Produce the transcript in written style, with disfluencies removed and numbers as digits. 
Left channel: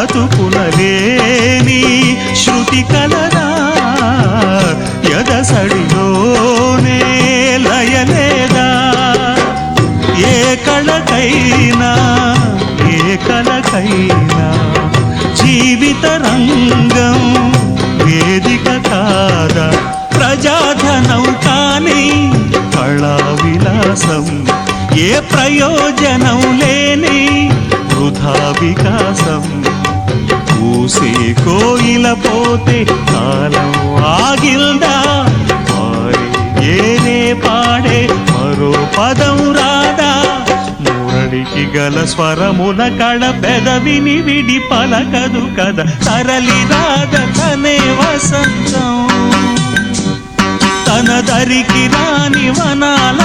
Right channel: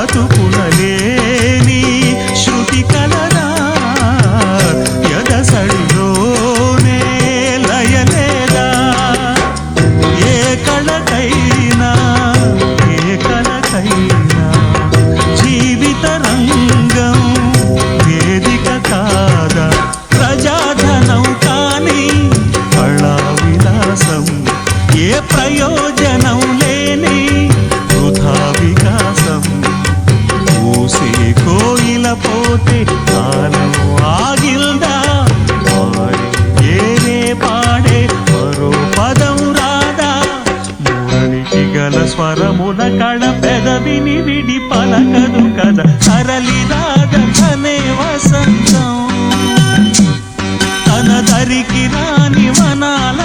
బ్రతుకునలేని శృతి కలరా ఎదసడిలోనే లయలేదా ఏ కళకైనా జీవిత రంగం వేదిక కాదా ప్రజాధనం కాని కళా విలాసం ఏ ప్రయోజనం లేని వృధా వికాసం పూసే కోయిల పోతే కాలం ఆగిల్దా ఏనే పాడే మరో పదం రాదా మురళికి గల స్వరముల కళ పెదవిని విడి పలకదు కదా తరలి రాగనే వసంతం తన దరికి రాని వనాల